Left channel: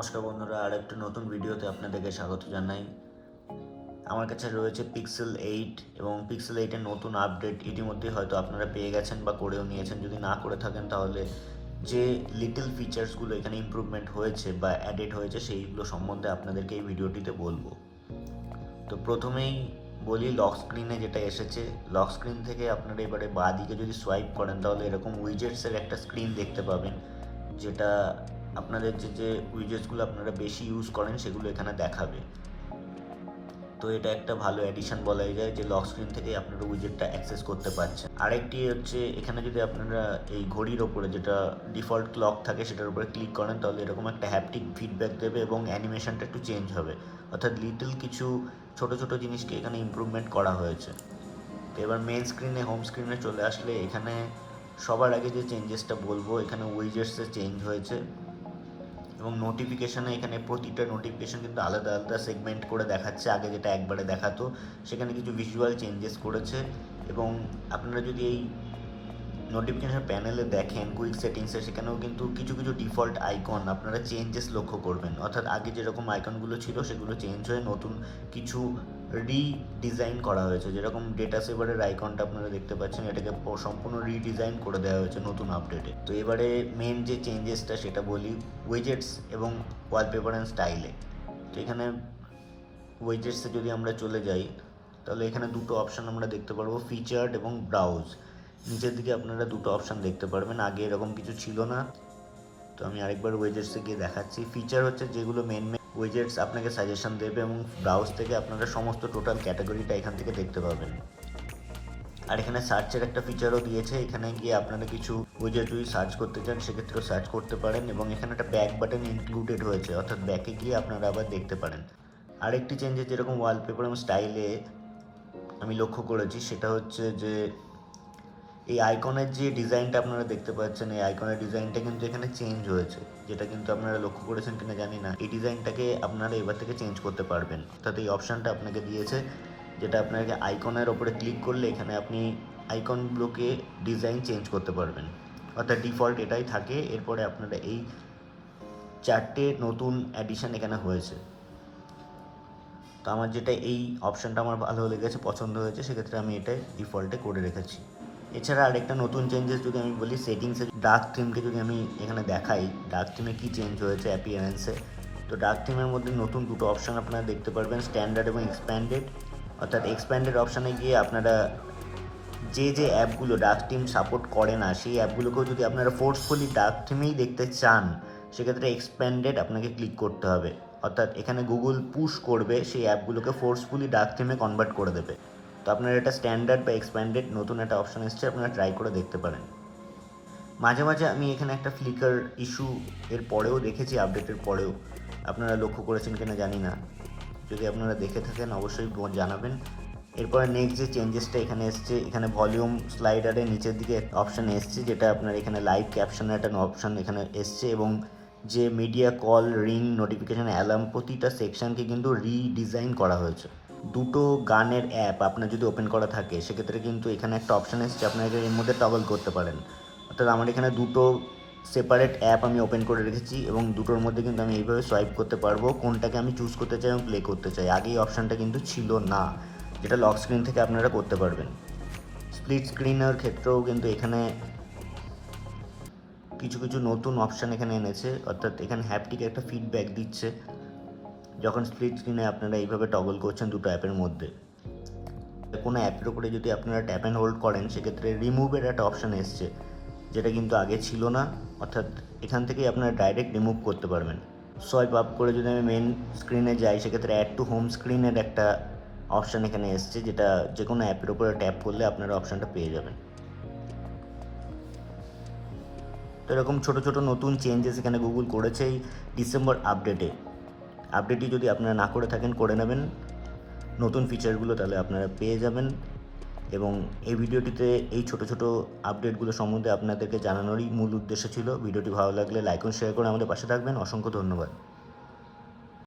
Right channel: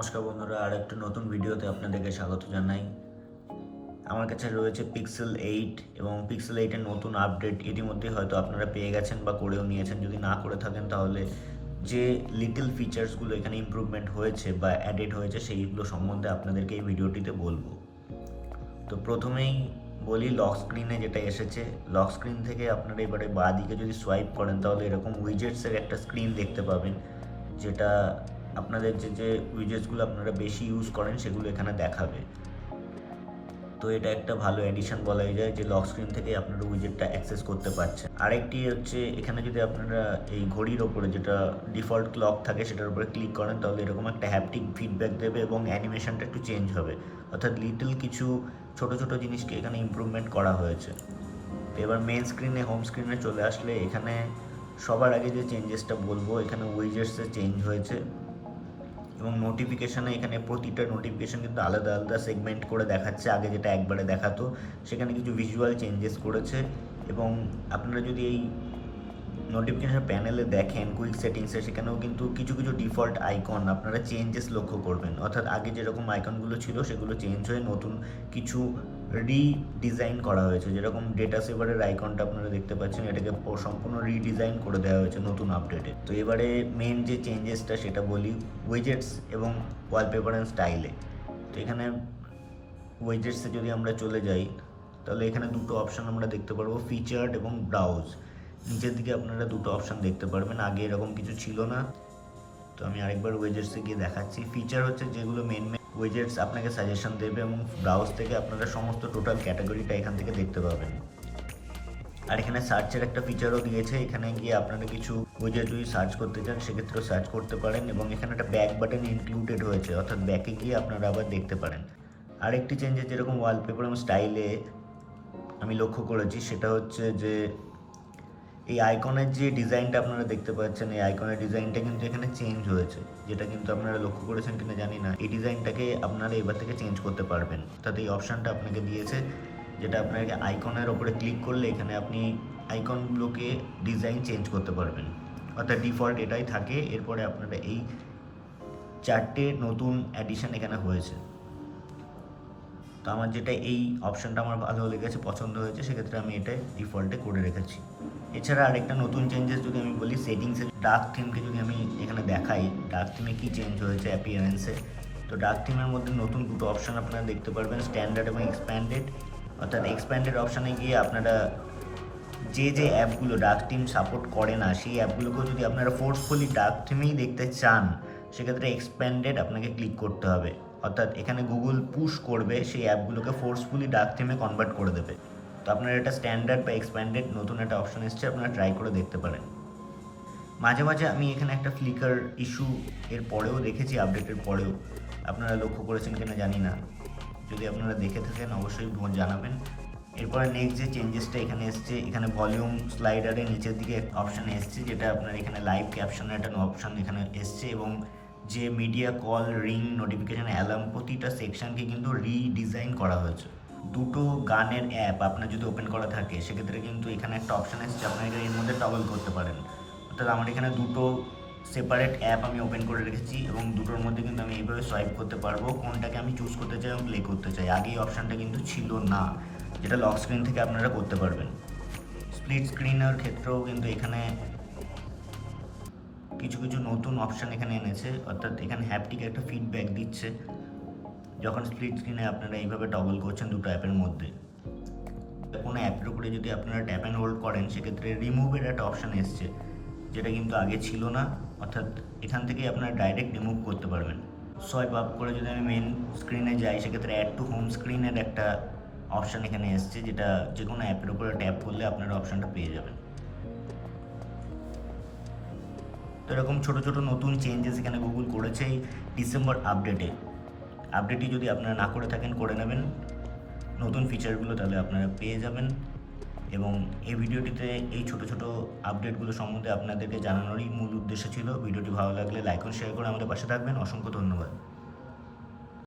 নমস্কার বন্ধুরা, আর একটা নতুন ভিডিওতে আপনাদেরকে স্বাগত জানাই। আমার কাছে রয়েছে পিক্সেল 8 এবং পিক্সেল 8-এর নতুন আপডেট ইতিমধ্যে হয়তো আপনারা পেয়ে গেছেন বা করেও নিয়েছেন। যদি না করে থাকেন তাহলে যে লিটল ফিচার্সগুলো এখানে ইমপ্রুভমেন্ট হয়েছে বা অ্যাডেড হয়েছে সেইগুলো সম্বন্ধে আপনাদেরকে এই ভিডিওটিতে বলবো। তো প্রথমেই বলি লক স্ক্রিনে যেটা এসেছে, লক স্ক্রিন থেকে আপনারা এবারে বাঁ দিকে যদি সোয়াইপ করেন তাহলে এরকম উইজেটসের একটা স্ক্রিন দেখতে পাবেন, যেটা আপনাদের যে উইজেটসগুলো আপনারা বেশি ইউজ করেন সেগুলো এখানে দেখাবে। তো এটা একটা ভালো এডিশন বলাই যায় যে লক স্ক্রিন থেকে আপনারা উইজেটটা অ্যাক্সেস করতে পারছেন। আরেকটি হচ্ছে এখানে যদি আপনারা এই ঘড়ির ওপরে যেটা ডিফল্ট ক্লক থাকে সেটার উপরে ক্লিক করেন তাহলে এরকম একটা হ্যাপটিক ফিডব্যাক দেবে এবং অ্যানিমেশনটা একটু চেঞ্জ হবে, অর্থাৎ লিটল কিছু ছোট ছোট জিনিসকে এখানে ইমপ্রুভমেন্ট করা হয়েছে। তো এবার মেন স্ক্রিনে হোম স্ক্রিনে চলে আসলে এখানে সবার আগে যে চেঞ্জেসটা বলবো, এখানে উইজেটসে চেঞ্জ হয়েছে এবং নোটিফিকেশানে এখানে প্রতিটা নোটিফিকেশান কিন্তু আলাদা আলাদা সেগমেন্ট করে দেখাচ্ছে। আগে যেটা একবারে দেখাতো সেখানে কিছু ভিজুয়াল চেঞ্জেস করেছে। এবং আপনারা যদি এই নোটিফিকেশান প্যানেলে দেখেন কুইক সেটিংসে, সেখানেও কিন্তু কিছু কিছু ডিফল্ট আইকন আপনারা চেঞ্জেস লক্ষ্য করবেন, অর্থাৎ আগে যেরকম আইকনগুলো ছিল সেগুলো চেঞ্জ হয়ে নতুন কিছু রিডিজাইন করা হয়েছে। যেরকম ডেটা সেভারের আইকনটা আপনারা দেখতে পাচ্ছেন, এটাকে সম্পূর্ণ রিডিজাইন করে দেওয়া হয়েছে নতুন আপডেটে। তো এবারে মেন যে চেঞ্জেসটা সেটা বলি উইজেটস এবং ওয়ালপেপার অ্যান্ড স্টাইলে। তো এখানে উইজেটসে যদি আমরা চলে যাই তাহলে এখানে দুটো অপশান আমরা দেখতে পারবো, ফিচার্ড এবং ব্রাউজ। নিচের দিকে আপনারা দুটো অপশান দেখতে পারবেন, আগে এরকম কিছু ছিল না। তো আমি আরেকবার ওয়েজেটসে গিয়ে দেখাচ্ছি। ফিচার হচ্ছে যেগুলো মেন ওয়েজেটস আপনাকে সাজেশন দেবে এবং ব্রাউজ থেকে আপনারা সমস্ত টোটাল ক্যাটাগরিটা এখান থেকে দেখতে পাবেন। আর এখানে সার্চের একটা ফিচারও দিয়েছে, এখানে গিয়ে আপনারা কিছু ওয়েজেট যদি সার্চ করতে চান সেক্ষেত্রেও সার্চ করতে পারেন এবং এখানে একটা ব্যাক বাটন ইনক্লুডেড হয়েছে, অর্থাৎ ব্যাকে গিয়ে আপনারা আবার দেখতে পারেন। আরেকটি চেঞ্জেস যেরকম ওয়ালপেপার এবং স্টাইলে আমি লক্ষ্য করেছি সেটা হচ্ছে যে এই আইকনের যে ডিজাইনটা আপনারা দেখতে পাচ্ছেন, এই আইকনের ডিজাইনটা কিন্তু এখানে চেঞ্জ হয়েছে, যেটা কিন্তু আপনারা লক্ষ্য করেছেন কিনা জানি না। এই ডিজাইনটাকে আপনারা এবার থেকে চেঞ্জ করতে পারবেন, অর্থাৎ এই অপশানটা আপনাকে দিয়েছে যেটা আপনাকে আইকনের ওপরে ক্লিক করলে এখানে আপনি আইকনগুলোকে ডিজাইন চেঞ্জ করতে পারবেন, অর্থাৎ ডিফল্ট এটাই থাকে। এরপরে আপনারা এই চারটে নতুন অ্যাডিশন এখানে হয়েছে। তো আমার যেটা এই অপশানটা আমার ভালো লেগেছে, পছন্দ হয়েছে, সেক্ষেত্রে আমি এটাই ডিফল্টে করে রেখেছি। এছাড়া আরেকটা নতুন চেঞ্জেস যদি আমি বলি, সেটিংসে ডার্ক থিমকে যদি আমি এখানে দেখাই, ডার্ক থিমে কী চেঞ্জ হয়েছে অ্যাপিয়ারেন্সে। তো ডার্ক থিমের মধ্যে নতুন দুটো অপশান আপনারা দেখতে পারবেন, স্ট্যান্ডার্ড এবং এক্সপ্যান্ডেড। অর্থাৎ এক্সপ্যান্ডেড অপশানে গিয়ে আপনারা যে অ্যাপগুলো ডার্ক থিম সাপোর্ট করে না সেই অ্যাপগুলোকেও যদি আপনারা ফোর্সফুলি ডার্ক থিমেই দেখতে চান সেক্ষেত্রে এক্সপ্যান্ডেড আপনাকে ক্লিক করতে হবে, অর্থাৎ এখানে গুগল পুশ করবে সেই অ্যাপগুলোকে ফোর্সফুলি ডার্ক থিমে কনভার্ট করে দেবে। তো আপনারা এটা স্ট্যান্ডার্ড বা এক্সপ্যান্ডেড নতুন একটা অপশান এসছে, আপনারা ট্রাই করে দেখতে পারেন। মাঝে মাঝে আমি এখানে একটা ফ্লিকার ইস্যু এর পরেও দেখেছি, আপডেটের পরেও আপনারা লক্ষ্য করেছেন কিনা জানি না, যদি আপনারা দেখে থাকেন অবশ্যই জানাবেন। এরপরে নেক্সট যে চেঞ্জেসটা এখানে এসছে, এখানে ভলিউম স্লাইডারের নিচের দিকে অপশান এসছে, যেটা আপনার এখানে লাইভ ক্যাপশনের একটা অপশান এখানে এসছে এবং যে media call, ring, notification, alarm প্রতিটা সেকশানকে কিন্তু রিডিজাইন করা হয়েছে। দুটো গানের অ্যাপ আপনার যদি ওপেন করা থাকে সেক্ষেত্রে কিন্তু এখানে একটা অপশান এসছে, আপনারা এর মধ্যে টগল করতে পারেন। অর্থাৎ আমার এখানে দুটো সেপারেট অ্যাপ আমি ওপেন করে রেখেছি এবং দুটোর মধ্যে কিন্তু আমি এইভাবে সোয়াইপ করতে পারবো কোনটাকে আমি চুজ করতে চাই এবং প্লে করতে চাই। আগে এই অপশানটা কিন্তু ছিল না, যেটা লক স্ক্রিন থেকে আপনারা করতে পারবেন। স্প্লিট স্ক্রিনের ক্ষেত্রেও কিন্তু এখানে কিছু কিছু নতুন অপশান এখানে এনেছে, অর্থাৎ এখানে হ্যাপটিক একটা ফিডব্যাক দিচ্ছে যখন স্প্লিট স্ক্রিনে আপনারা এইভাবে টগল করছেন দুটো অ্যাপের মধ্যে। কোনো অ্যাপের উপরে যদি আপনারা ট্যাপ অ্যান্ড হোল্ড করেন সেক্ষেত্রে রিমুভের একটা অপশান এসছে, যেটা কিন্তু আগে ছিল না, অর্থাৎ এখান থেকেই আপনারা ডাইরেক্ট রিমুভ করতে পারবেন। সোয়াইপ আপ করে যদি আমি মেন স্ক্রিনে যাই সেক্ষেত্রে অ্যাড টু হোম স্ক্রিনের একটা অপশান এখানে এসছে, যেটা যে কোনো অ্যাপের উপরে ট্যাপ করলে আপনারা অপশানটা পেয়ে যাবেন। তো এরকম ছোটো ছোটো নতুন চেঞ্জেস এখানে গুগল করেছে এই ডিসেম্বর আপডেটটি যদি আপনারা না করে থাকেন করে নেবেন নতুন ফিচারগুলো, তাহলে আপনারা পেয়ে যাবেন। এবং এই ভিডিওটিতে এই ছোটো ছোটো আপডেটগুলো সম্বন্ধে আপনাদেরকে জানানোরই মূল উদ্দেশ্য ছিল। ভিডিওটি ভালো লাগলে লাইক ও শেয়ার করে আমাদের পাশে থাকবেন। অসংখ্য ধন্যবাদ।